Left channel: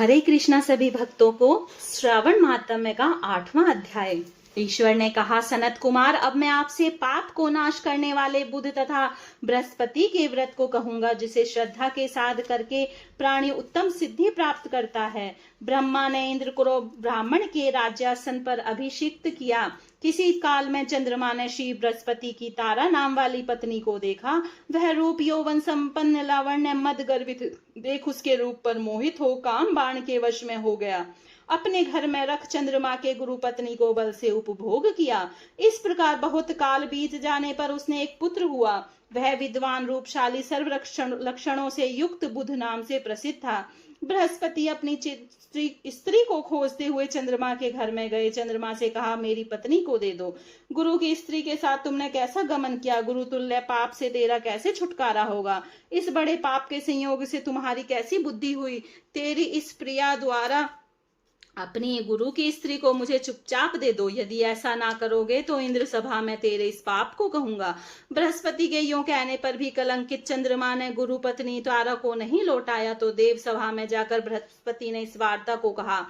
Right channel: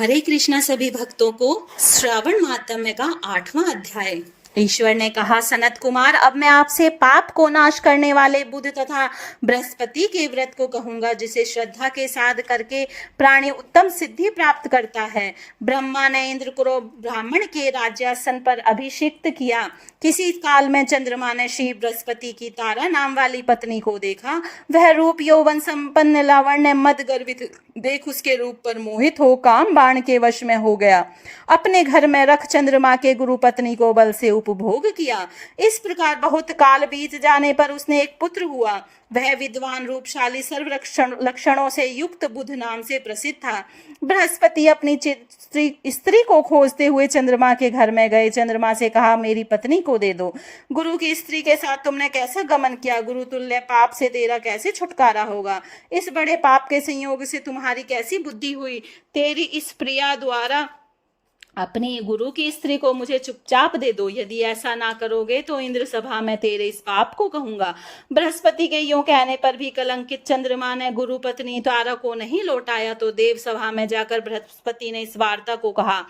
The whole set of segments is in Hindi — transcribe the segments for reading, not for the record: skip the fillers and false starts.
हरे कृष्णा सभी भक्तों को श्रावण महात्म्य का 8वां अध्याय। ईश्वर ने कहा, सनत कुमार, अब मैं आपसे पाप को नाश करने वाले बुध तथा बृहस्पति के व्रत को कहूंगा, जिसे श्रद्धा के साथ करके प्राणी उत्तम सिद्धि प्राप्त करता है। ब्रह्मा ने इंद्र को ब्राह्मण के राज्यासन पर अभिषिक्त किया। किसी काल में चंद्रमा ने श्री बृहस्पति की तारा नाम वाली पत्नी को देखा। वह रूप यौवन संपन्न लावण्य मद गर्वित देख उसके रूप पर मोहित हो काम बाण के वश में हो गया। अपने घर में रख चंद्रमा के गुरु पत्नी को बल से उपभोग किया। इस प्रकार बहुत काल बीत जाने पर उसने एक पुत्र हुआ। वह विद्वान, रूपशाली, सर्व लक्षणों से युक्त बुध नाम से प्रसिद्ध था। बृहस्पति अपनी स्त्री को खोजते हुए चंद्रमा के घर में गए। चंद्रमा से कहा, मेरी पत्नी को दे दो। गुरु की स्त्री के साथ तुमने कैसा गमन किया? गुरु तुल्य पाप से तेरा कैसे छुटकारा होगा? इस बड़े पाप के संयोग से तुम्हारी कैसी बुद्धि हुई? तेरी इस प्रिया द्वारा अपनी गुरु की स्त्री को मुझे चुपचाप दे दो। यदि ऐसा ना करोगे तो इंद्र सभा में तेरे इस पाप को कहूंगा। बृहस्पति के यूं कहने पर भी कलंकित चंद्रमा ने गुरु पत्नी तारा को नहीं लौटाया तो देव सभा में जाकर बृहस्पति ने इस वार्ता को कहा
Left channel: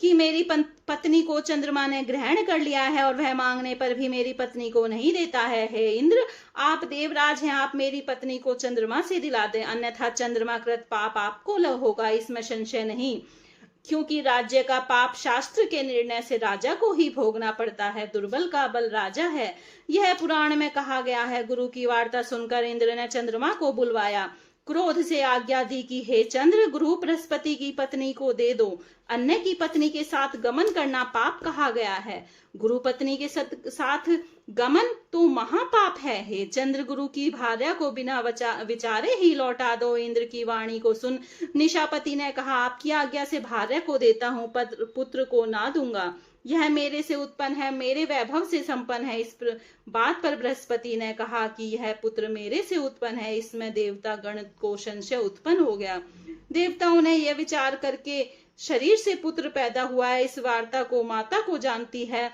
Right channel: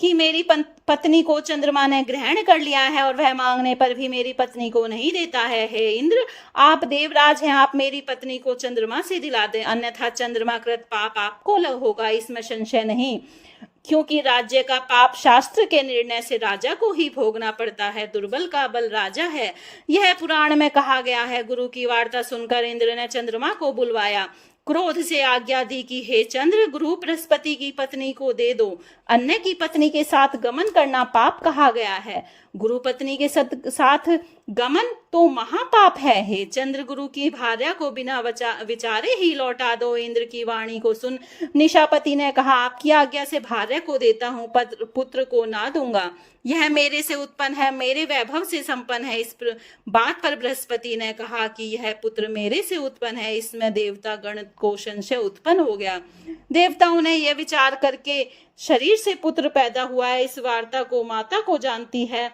कि मेरी पत्नी को चंद्रमा ने ग्रहण कर लिया है और वह मांगने पर भी मेरी पत्नी को नहीं देता है। हे इंद्र, आप देवराज हैं, आप मेरी पत्नी को चंद्रमा से दिला दें, अन्यथा चंद्रमा कृत पाप आपको होगा, इसमें संशय नहीं। क्योंकि राज्य का पाप शास्त्र के निर्णय से राजा को ही भोगना पड़ता है। दुर्बल का बल राजा है, यह पुराण में कहा गया है। गुरु की वार्ता सुनकर इंद्र ने चंद्रमा को बुलवाया। क्रोध से आज्ञा दी कि हे चंद्र, गुरु बृहस्पति की पत्नी को दे दो। अन्य की पत्नी के साथ गमन करना पाप कहा गया है। गुरु पत्नी के साथ गमन तो महापाप है। हे चंद्र, गुरु की भार्या को बिना विचारे ही लौटा दो। इंद्र की वाणी को सुन निशापति ने कहा, आपकी आज्ञा से भार्या को देता हूँ, पुत्र को ना दूंगा। यह मेरे से उत्पन्न है, मेरे वैभव से संपन्न है। इस बात पर बृहस्पति ने कहा कि यह पुत्र मेरे से उत्पन्न है। इसमें देवता गण को संशय उत्पन्न हो गया। देवताओं ने यह विचार करके शरीर से पुत्र पैदा हुआ है। इस वार्ता को माता को जानती है।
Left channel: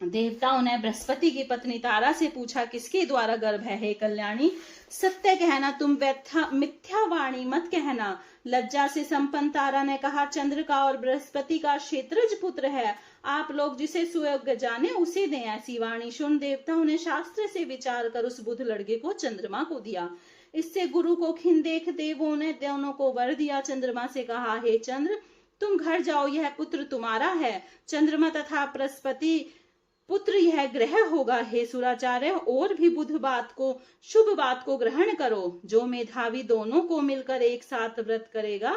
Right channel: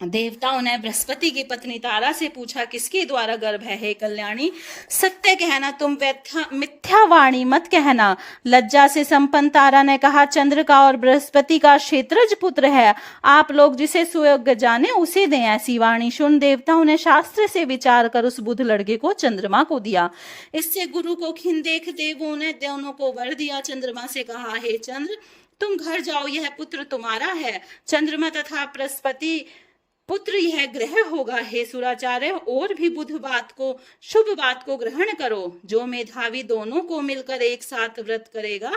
देवताओं ने बृहस्पति की पत्नी तारा से पूछा, किसके द्वारा गर्भ है? हे कल्याणी, सत्य कहना, तुम मिथ्या वाणी मत कहना। लज्जा से संपन्न तारा ने कहा, चंद्र का और बृहस्पति का क्षेत्रज पुत्र है। आप लोग जिसे सुयोग्य जाने उसे दें। ऐसी वाणी सुन देवताओं ने शास्त्र से विचार कर उस बुध लड़के को चंद्रमा को दिया। इससे गुरु को खिन देख देवों ने दोनों को वर दिया। चंद्रमा से कहा, हे चंद्र, तुम घर जाओ, यह पुत्र तुम्हारा है। चंद्रमा तथा बृहस्पति पुत्र यह ग्रह होगा। हे सुराचार्य, और भी बुध बात को, शुभ बात को ग्रहण करो। जो मेधावी दोनों को मिलकर एक साथ व्रत करेगा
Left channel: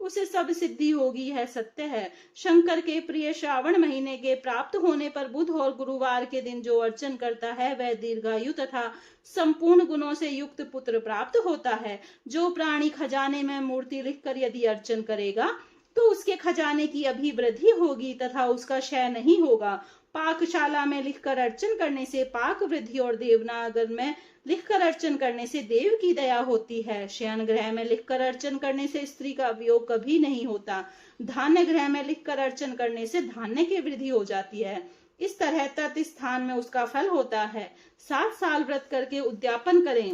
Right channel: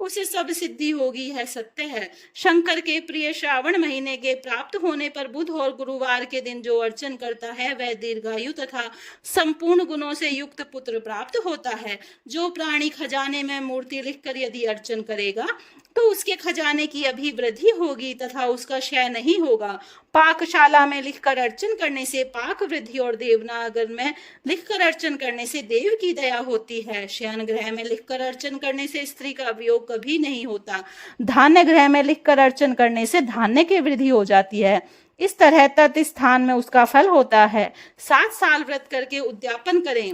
उसे सब सिद्धि होगी, यह सत्य है। शंकर के प्रिय श्रावण महीने के प्राप्त होने पर बुध और गुरुवार के दिन जो अर्चन करता है वह दीर्घायु तथा संपूर्ण गुणों से युक्त पुत्र प्राप्त होता है। जो प्राणी खजाने में मूर्ति लिखकर यदि अर्चन करेगा तो उसके खजाने की अभिवृद्धि होगी तथा उसका क्षय नहीं होगा। पाकशाला में लिखकर अर्चन करने से पाक वृद्धि और देवनागर में लिखकर अर्चन करने से देव की दया होती है। शयन ग्रह में लिखकर अर्चन करने से स्त्री का वियोग कभी नहीं होता। धान्य ग्रह में लिखकर अर्चन करने से धान्य की वृद्धि हो जाती है। इस तरह तत् स्थान में उसका फल होता है। 7 साल व्रत करके उद्यापन करें।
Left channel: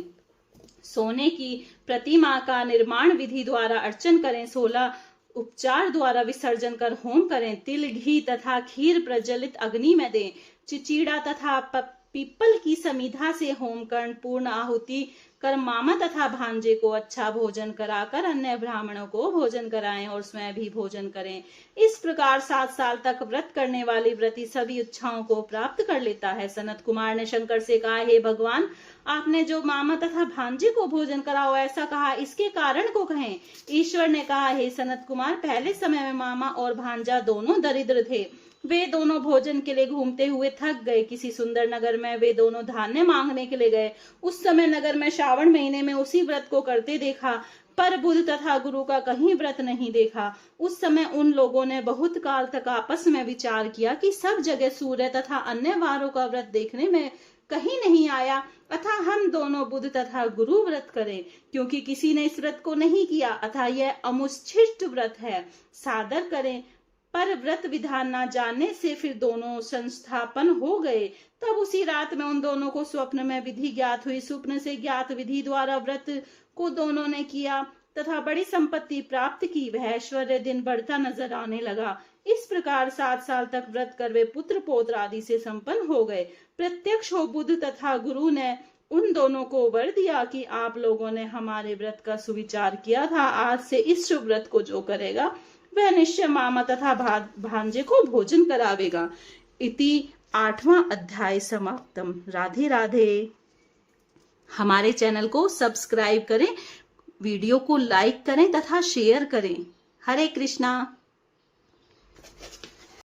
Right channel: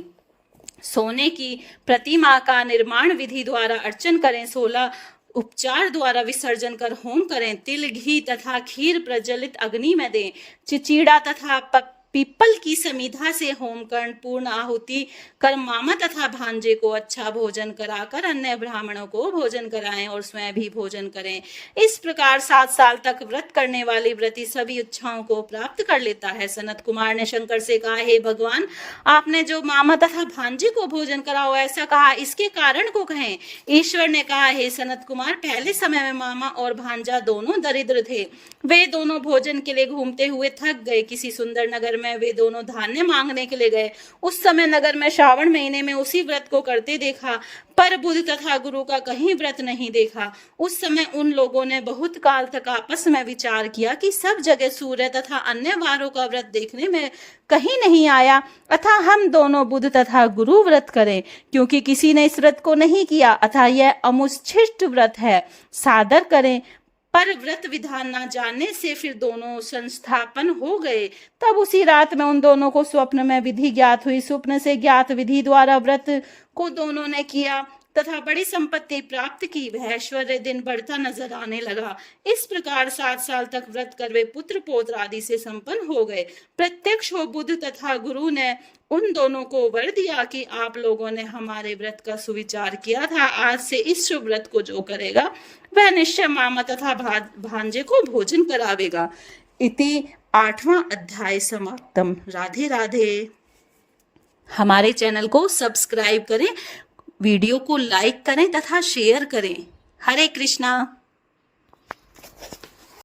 सोने की प्रतिमा का निर्माण विधि द्वारा अर्चन करें। 16 उपचार द्वारा विसर्जन कर होम करें। तिल, घी तथा खीर प्रज्वलित अग्नि में दें। चिचीड़ा तथा पीपल की समिधा से होम कर पूर्ण आहुति कर मामा तथा भांजे को अच्छा भोजन कराकर अन्य ब्राह्मणों को भोजन कराएं और स्वयं भी भोजन करें। इस प्रकार 7 साल तक व्रत करने वाली व्रती सभी इच्छाओं को प्राप्त कर लेता है। सनत कुमार ने शंकर से कहा, हे भगवान, आपने जो मामा तथा भांजे को भोजन कराओ ऐसा कहा, इसके कारण को कहें। ईश्वर ने कहा, हे सनत कुमार, पहले समय में मामा और भांजा दोनों दरिद्र थे। वे दोनों भोजन के लिए घूमते हुए थक गए। किसी सुंदर नगर में वे दोनों धान्य मांगने के लिए गए। उस समय नगर में श्रावण महीने में उसी व्रत को करते देखा, पर बुध तथा गुरु का कहीं व्रत नहीं देखा। उस समय उन लोगों ने बहुत काल तक आपस में विचार किया कि सब जगह सूर्य तथा अन्य वारों का व्रत देखने में कहीं नहीं आया, अतः हम दोनों बुध तथा गुरु व्रत करें। क्योंकि किसी ने इस व्रत को नहीं किया अतः यह अमुच्छिष्ट व्रत है, सादर करें। पर व्रत विधान न जानने से फिर दोनों संस्थापन हो गए। तब उसी रात में उन दोनों को स्वप्न में विधि ज्ञात हुई। स्वप्न से ज्ञात विधि द्वारा व्रत को दोनों ने किया। तथा बड़ी संपत्ति प्राप्त की। वह ऐश्वर्य दिन बढ़ता नजर आने लगा। इस प्रकार 7 साल तक व्रत कर वे पुत्र पौत्र आदि से संपन्न हो गए। प्रत्यक्ष हो बुद्ध तथा गुरु ने उन दोनों को वर दिया कि आप लोगों ने हमारे व्रत का सुविचार किया था। आज से इस शुभ व्रत को जो करेगा वह निश्चय मामा तथा भांजे को भोजन करावेगा। इति 8वां अध्याय समाप्तम। राधे राधे। हमारे चैनल को सब्सक्राइब करें, वीडियो को लाइक करें तथा शेयर करें। हरे कृष्णा।